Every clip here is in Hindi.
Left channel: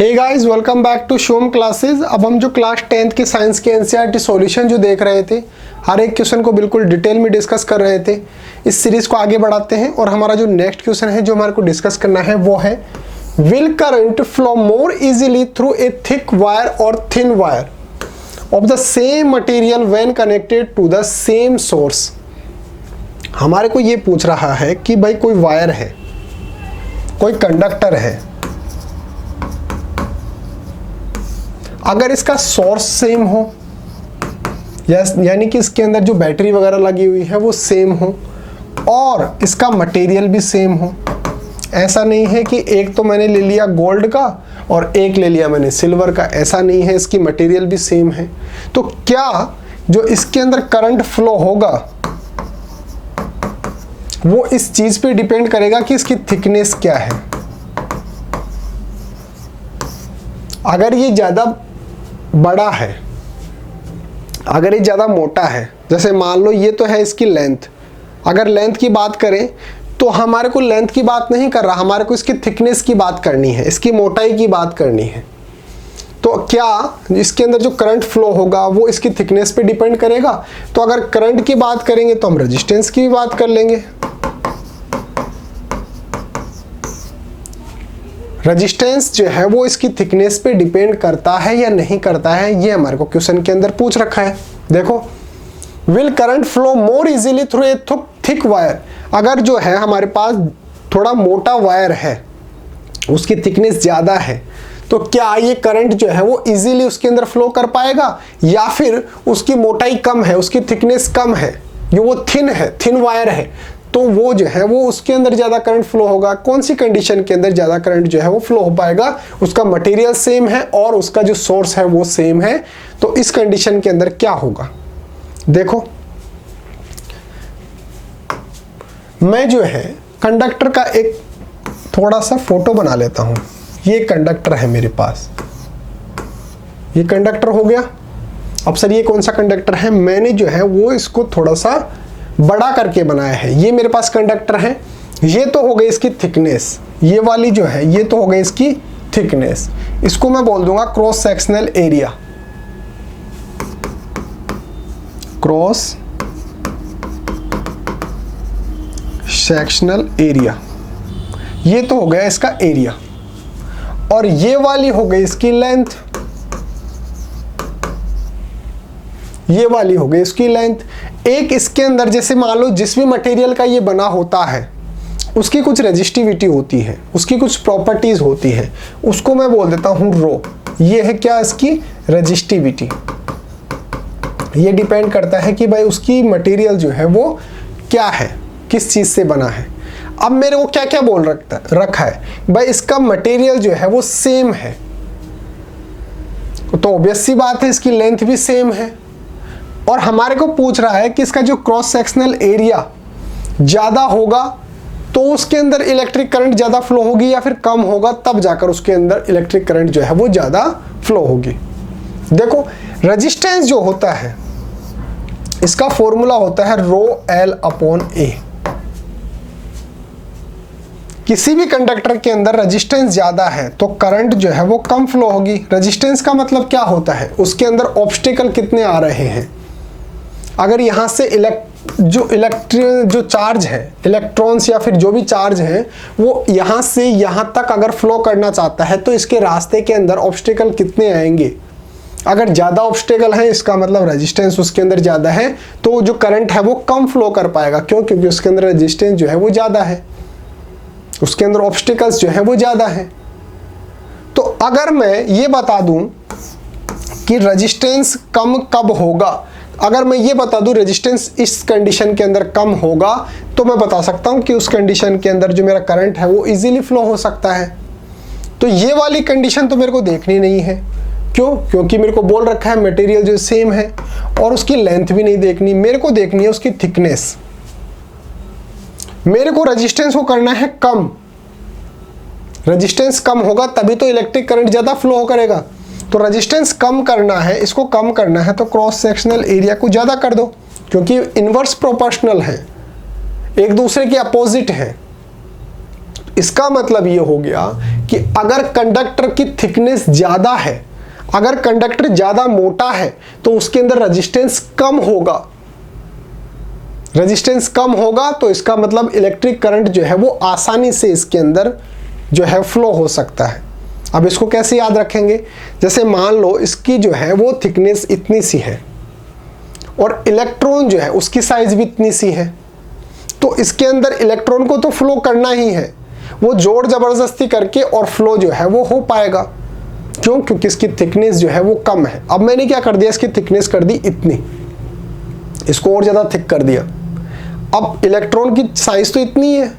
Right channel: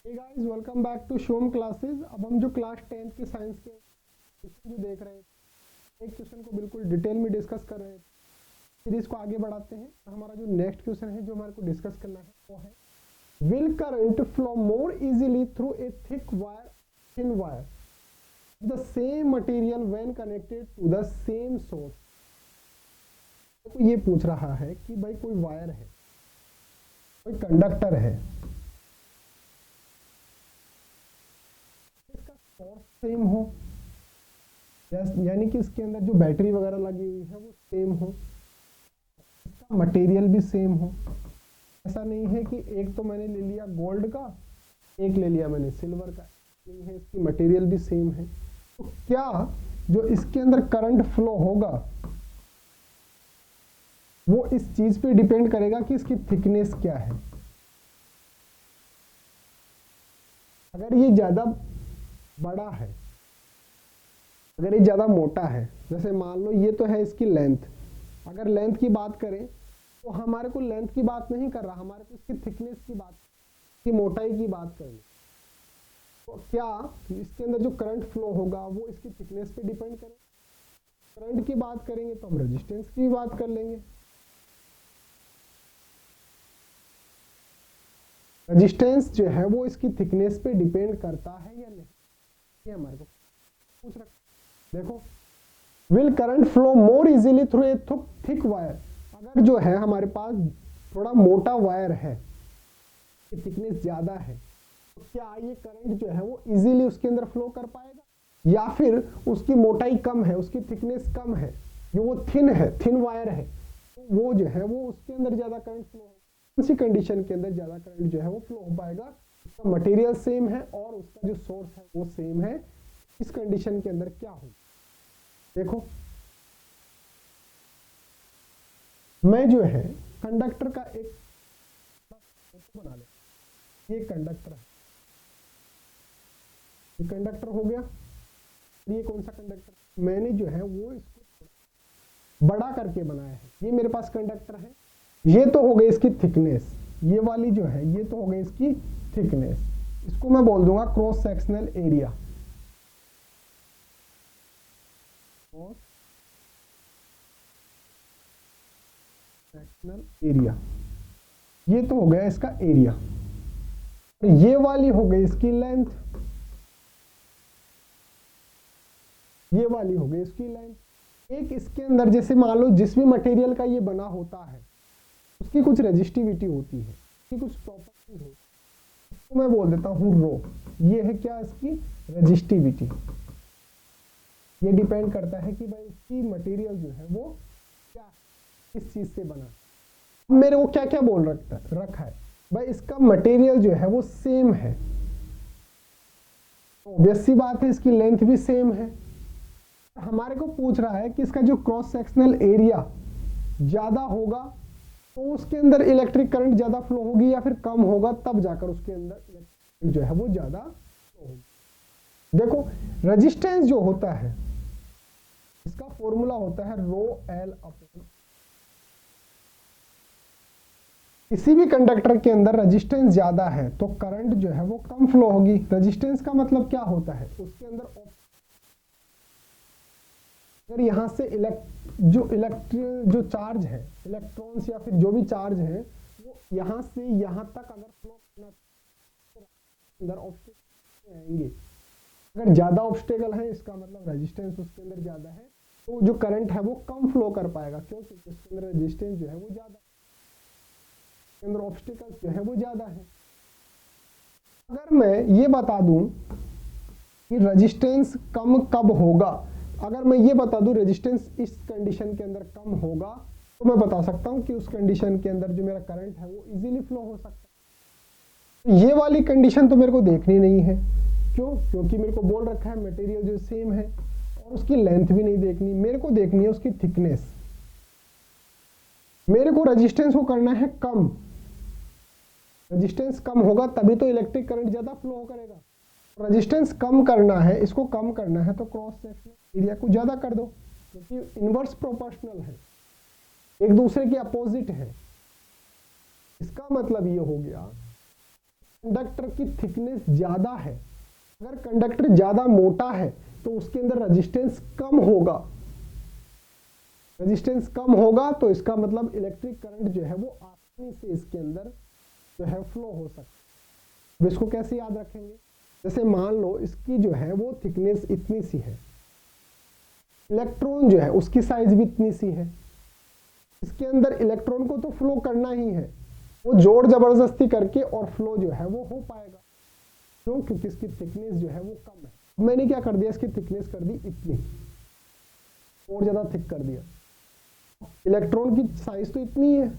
Hey guys, welcome back to Shom classes. अब हम जो क्लास 10th के साइंस के एनसीईआरटी सॉल्यूशन जो देख रहे थे, हर एक क्वेश्चन को बिल्कुल डिटेल में डिस्कस कर रहे थे। इस सीरीज को आगे बढ़ाते हैं और हमारा जो नेक्स्ट क्वेश्चन है जो हमारे को डिस्कस करना है वो है, will current flow more easily through a thick wire और thin wire of the same material when connected to the same source. हमारे को ये पूछ रहा है कि भाई कोई वायर है, कोई कंडक्टर है, अगर इसका सोर्स सेम हो यानी कि इसके अंदर जो बैटरी वगैरह लगी हुई है वो सेम हो और इसका मटेरियल भी सेम हो। ऐसा नहीं है कि एक तो मैंने ले लिया गोल्ड का और एक ले लिया मैंने सिल्वर का, ऐसा नहीं है, इसकी मटेरियल भी सेम है। तो क्या जो इसके अंदर करंट फ्लो होगा वो इस चीज पे डिपेंड करेगा कि इसकी थिकनेस क्या है। अगर ये ज्यादा बड़ा है, अगर ये ज़्यादा मोटा है, जैसे मान लो ये तो है इसकी लेंथ, अगर लेंथ की बात करें तो हमारे को लेंथ की बात नहीं कर रहा, हमारे को इसकी थिकनेस की बात करनी है, इसकी मोटाई की बात करनी है। तो क्या इसके अंदर जो करंट फ्लो होगा वो इसकी थिकनेस पे डिपेंड करेगा? तो अगर करंट की बात करेंगे तो हम रेजिस्टेंस की भी बात कर लेंगे। रेजिस्टेंस जो है वो इसकी थिकनेस पे डिपेंड करता है या नहीं करता है, ये हमारे को क्वेश्चन के अंदर पूछ रखा है। देखो, will current flow more easily through a thick wire. अगर जो है हमारे पास थोड़ा मोटा वायर है, उसकी थिकनेस ज़्यादा है, तो क्या ये करंट जो है वो इजीली उसके अंदर फ्लो कर पाएगा, या फिर उसकी मोटाई कम है, उसकी थिकनेस कम है, जो वो थिन है, थिन वायर है, तो वो जो है वो उसके अंदर ज़्यादा करंट फ्लो होगा। कौन सी कंडीशन के अंदर ज़्यादा करंट जो है वो फ्लो हो पाएगा? उसका मटेरियल सेम है और उसका जो सोर्स है वो सेम है। तो इस कंडीशन के अंदर क्या होगा? देखो, मैं जो है कंडक्टर का एक थोड़ा सा फोटो बना लेता हूँ। ये कंडक्टर है मेरे पास, ये कंडक्टर हो गया। अब सर ये कौन सा कंडक्टर है? मैंने जो है वो इसको थोड़ा सा बड़ा करके बनाया है। ये मेरे पास कंडक्टर है, ये तो हो गई इसकी थिकनेस, ये वाली जो है ये तो हो गई इसकी थिकनेस। इसको मैं बोल दूंगा cross sectional area, cross sectional area, ये तो हो गया इसका एरिया, और ये वाली हो गई इसकी लेंथ, ये वाली हो गई इसकी लेंथ। एक इसके अंदर जैसे मान लो जिस भी मटेरियल का ये बना होता है उसकी कुछ रेजिस्टिविटी होती है, उसकी कुछ प्रॉपर्टीज होती है, उसको मैं बोल देता हूँ रो। ये है क्या? इसकी रेजिस्टिविटी। ये डिपेंड करता है कि भाई उसकी मटेरियल जो है वो क्या है, किस चीज़ से बना है। अब मेरे को क्या क्या बोल रखा है भाई, इसका मटेरियल जो है वो सेम है, तो ऑब्वियस सी बात है इसकी लेंथ भी सेम है। और हमारे को पूछ रहा है कि इसका जो क्रॉस सेक्शनल एरिया ज़्यादा होगा तो उसके अंदर इलेक्ट्रिक करंट ज़्यादा फ्लो होगी या फिर कम होगा, तब जाकर उसके अंदर इलेक्ट्रिक करंट जो है वो ज़्यादा फ्लो होगी। देखो, रेजिस्टेंस जो होता है इसका फॉर्मूला होता है रो एल अपॉन ए। किसी भी कंडक्टर के अंदर रेजिस्टेंस ज़्यादा है तो करंट जो है वो कम फ्लो होगी। रेजिस्टेंस का मतलब क्या होता है? उसके अंदर ऑब्स्टेकल कितने आ रहे हैं। अगर यहाँ से जो चार्ज है, इलेक्ट्रॉन्स या फिर जो भी चार्ज है, वो यहाँ से यहाँ तक अगर फ्लो करना चाहता है तो इसके रास्ते के अंदर ऑब्स्टेकल कितने आएंगे। अगर ज़्यादा ऑब्स्टेकल है इसका मतलब रेजिस्टेंस उसके अंदर ज़्यादा है, तो जो करंट है वो कम फ्लो कर पाएगा। क्यों? क्योंकि उसके अंदर रेजिस्टेंस जो है वो ज़्यादा है, उसके अंदर ऑब्स्टेकल्स जो है वो ज़्यादा है। तो अगर मैं ये बता दूं कि रेजिस्टेंस कम कब होगा, अगर मैं ये बता दूं रेजिस्टेंस इस कंडीशन के अंदर कम होगा, तो मैं बता सकता हूं कि उस कंडीशन के अंदर जो मेरा करंट है वो इजीली फ्लो हो सकता है। तो ये वाली कंडीशन तो मेरे को देखनी नहीं है। क्यों? क्योंकि मेरे को बोल रखा है मटेरियल जो सेम है, और उसकी लेंथ भी नहीं देखनी, मेरे को देखनी है उसकी थिकनेस। मेरे को रेजिस्टेंस को करना है कम, रेजिस्टेंस कम होगा तभी तो इलेक्ट्रिक करंट ज़्यादा फ्लो करेगा। तो रेजिस्टेंस कम करना है, इसको कम करना है तो क्रॉस सेक्शनल एरिया को ज़्यादा कर दो, क्योंकि इन्वर्स प्रोपोर्शनल है, एक दूसरे के अपोजिट है। इसका मतलब ये हो गया कि अगर कंडक्टर की थिकनेस ज़्यादा है, अगर कंडक्टर ज़्यादा मोटा है तो उसके अंदर रेजिस्टेंस कम होगा। रेजिस्टेंस कम होगा तो इसका मतलब इलेक्ट्रिक करंट जो है वो आसानी से इसके अंदर जो है फ्लो हो सकता है। अब इसको कैसे याद रखेंगे, जैसे मान लो इसकी जो है वो थिकनेस इतनी सी है और इलेक्ट्रॉन जो है उसकी साइज भी इतनी सी है, तो इसके अंदर इलेक्ट्रॉन को तो फ्लो करना ही है, वो जोर जबरदस्ती करके और फ्लो जो है वो हो पाएगा। क्यों? क्योंकि इसकी थिकनेस जो है वो कम है। अब मैंने क्या कर दिया, इसकी थिकनेस कर दी इतनी, इसको और ज़्यादा थिक कर दिया। अब इलेक्ट्रॉन की साइज तो इतनी है,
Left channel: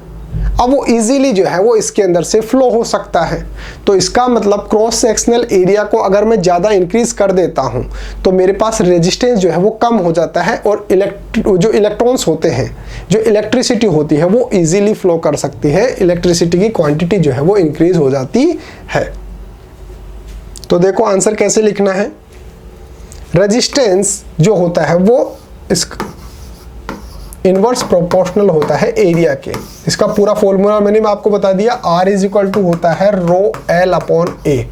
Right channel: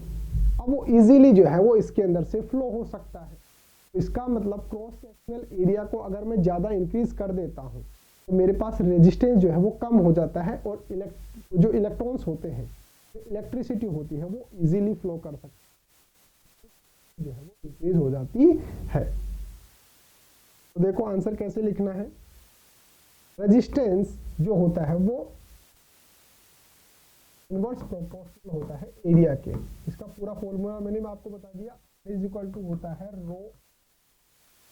अब वो इजीली जो है वो इसके अंदर से फ्लो हो सकता है। तो इसका मतलब क्रॉस सेक्शनल एरिया को अगर मैं ज़्यादा इंक्रीज कर देता हूँ तो मेरे पास रेजिस्टेंस जो है वो कम हो जाता है और जो इलेक्ट्रॉन्स होते हैं, जो इलेक्ट्रिसिटी होती है वो इजीली फ्लो कर सकती है, इलेक्ट्रिसिटी की क्वांटिटी जो है वो इंक्रीज हो जाती है। तो देखो आंसर कैसे लिखना है। रेजिस्टेंस जो होता है वो इस इनवर्स प्रोपोर्शनल होता है एरिया के। इसका पूरा फॉर्मूला मैंने आपको बता दिया, R इज इक्वल टू होता है रो L अपॉन A।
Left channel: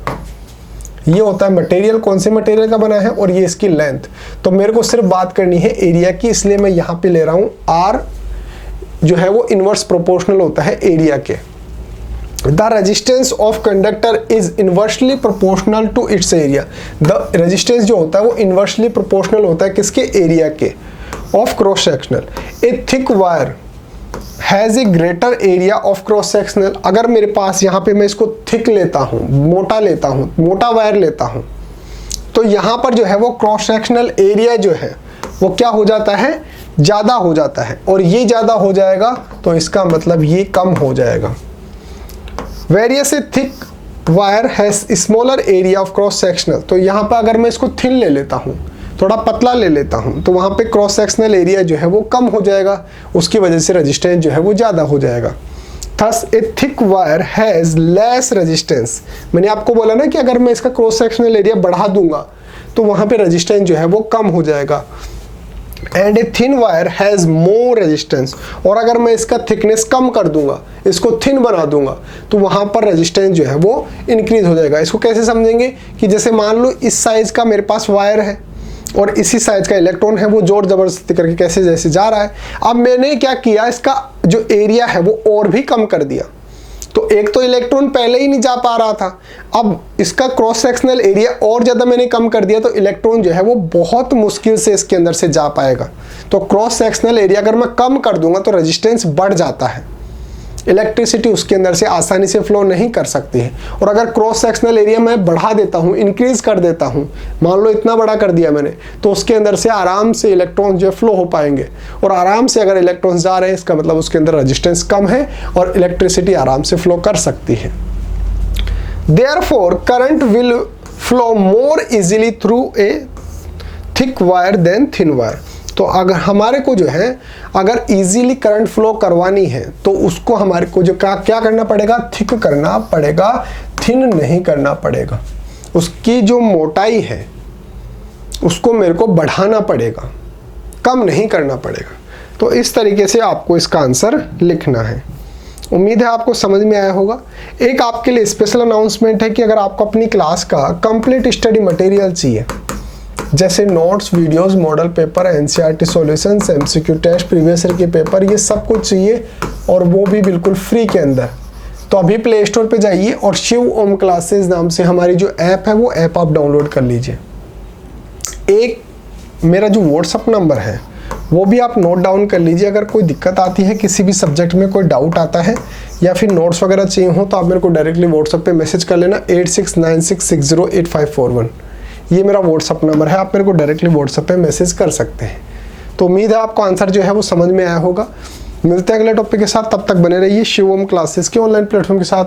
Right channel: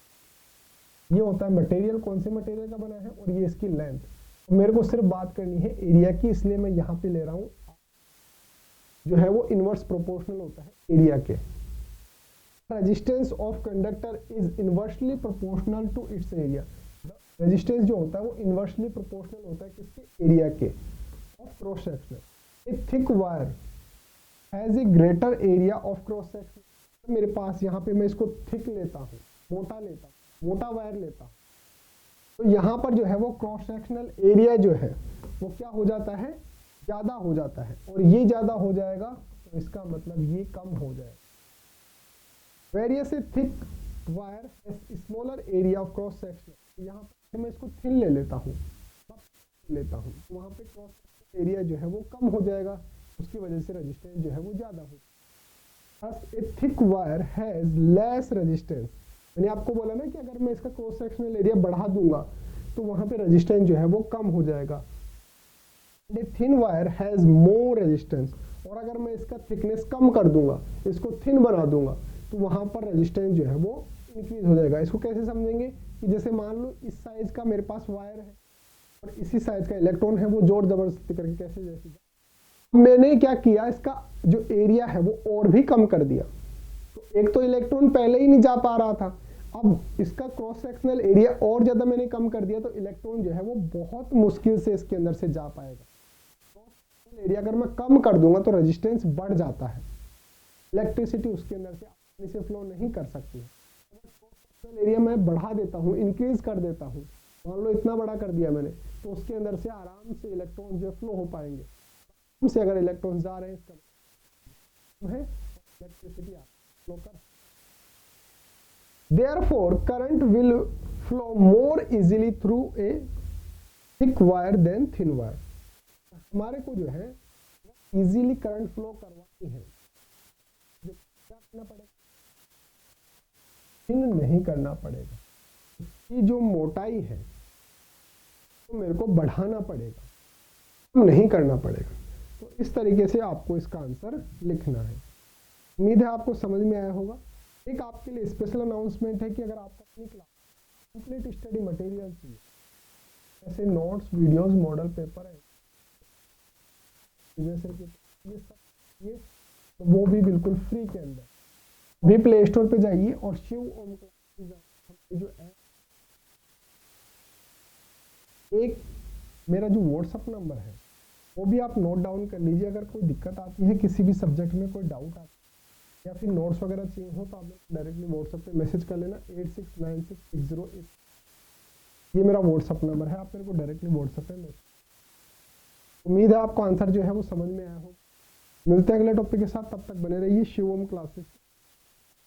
ये होता है मटेरियल, कौन से मटेरियल का बना है, और ये इसकी लेंथ। तो मेरे को सिर्फ बात करनी है एरिया की, इसलिए मैं यहाँ पे ले रहा हूँ R जो है वो इनवर्स प्रोपोर्शनल होता है एरिया के। The resistance of conductor is inversely proportional to its area. The resistance जो होता है वो इनवर्सली प्रोपोर्शनल होता है किसके? एरिया के। Of cross sectional A thick wire has a greater area of cross sectional. अगर मेरे पास यहाँ पे मैं इसको थिक लेता हूँ, मोटा लेता हूँ, मोटा वायर लेता हूँ, तो यहाँ पर जो है वो क्रॉस सेक्शनल एरिया जो है वो क्या हो जाता है? ज़्यादा हो जाता है। और ये ज़्यादा हो जाएगा तो इसका मतलब ये कम हो जाएगा। Various A thick wire has smaller area of cross sectional. तो यहाँ पर अगर मैं इसको थिन ले लेता हूँ, थोड़ा पतला ले लेता हूँ, तो वहाँ पे क्रॉस सेक्शनल एरिया जो है वो कम हो जाएगा, उसकी वजह से रेजिस्टेंस जो है वो ज़्यादा हो जाएगा। Thus A thick wire has less resistance. मैंने आपको बोला ना कि अगर मैं इसका क्रॉस सेक्शनल एरिया बढ़ा दूंगा तो वहाँ पे रेजिस्टेंस जो है वो कम हो जाएगा। And a thin wire has more resistance. और अगर मैं इसका थिकनेस कम कर दूंगा, इसको थिन बना दूंगा, तो वहाँ पर रेजिस्टेंस जो है वो इंक्रीज हो जाएगा। इसको कैसे समझेंगे कि जैसे मान लो इस साइज़ का मेरे पास वायर है और इसी साइज का इलेक्ट्रॉन है, वो जोर जबरदस्ती करके कैसे जैसे जा रहा है। अब मैंने क्या किया, इसका जो एरिया है वो और भी कम कर दिया। तो एक तो इलेक्ट्रॉन पहले ही नहीं जा पा रहा था, अब इसका क्रॉस सेक्शनल एरिया और ज़्यादा मैंने कम कर दिया, तो इलेक्ट्रॉन जो है वो बहुत मुश्किल से इसके अंदर से जा पाएगा। तो क्रॉस सेक्शनल एरिया अगर मैं कम कर दूंगा तो रेजिस्टेंस बढ़ जाता है, इलेक्ट्रिसिटी उसके अंदर से आसानी से फ्लो नहीं कर सकती है। और अगर क्रॉस सेक्शनल एरिया मैं बढ़ा देता हूँ, इंक्रीज कर देता हूँ, मान लो इतना बड़ा कर दिया मैंने, तो उसके अंदर से आराम से इलेक्ट्रॉन जो फ्लो हो पाएंगे। और आराम से अगर इलेक्ट्रॉन्स जा रहे हैं, इसका मतलब उसके अंदर रेजिस्टेंस कम है और इलेक्ट्रिसिटी आराम से फ्लो कर सकती है। Therefore current will flow more easily through a thick wire than thin wire. तो अगर हमारे को जो है अगर इजीली करंट फ्लो करवानी है तो उसको हमारे को जो क्या करना पड़ेगा? थिक करना पड़ेगा, थिन नहीं करना पड़ेगा। उसकी जो मोटाई है उसको मेरे को बढ़ाना पड़ेगा, कम नहीं करना पड़ेगा। तो इस तरीके से आपको इसका आंसर लिखना है। उम्मीद है आपको समझ में आया होगा। एक आपके लिए स्पेशल अनाउंसमेंट है कि अगर आपको अपनी क्लास का कंप्लीट स्टडी मटेरियल चाहिए, जैसे notes, videos, model paper, NCERT solutions, MCQ test, previous year के पेपर, ये सब कुछ चाहिए और वो भी बिल्कुल फ्री के अंदर, तो अभी प्ले स्टोर पे जाइए और शिव ओम क्लासेस नाम से हमारी जो ऐप है वो ऐप आप डाउनलोड कर लीजिए। एक मेरा जो व्हाट्सअप नंबर है वो भी आप नोट डाउन कर लीजिए। अगर कोई दिक्कत आती है, किसी भी सब्जेक्ट में कोई डाउट आता है या फिर नोट्स वगैरह चाहिए हो, तो आप मेरे को डायरेक्टली व्हाट्सअप पे मैसेज कर लेना 8696608541। ये मेरा व्हाट्सअप नंबर है, आप मेरे को डायरेक्टली व्हाट्सअप पे मैसेज कर सकते हैं। तो उम्मीद है आपको आंसर जो है वो समझ में आया होगा। मिलते हैं अगले टॉपिक के साथ, तब तक बने रहिए शिव ओम क्लासेस के ऑनलाइन प्लेटफॉर्म के साथ।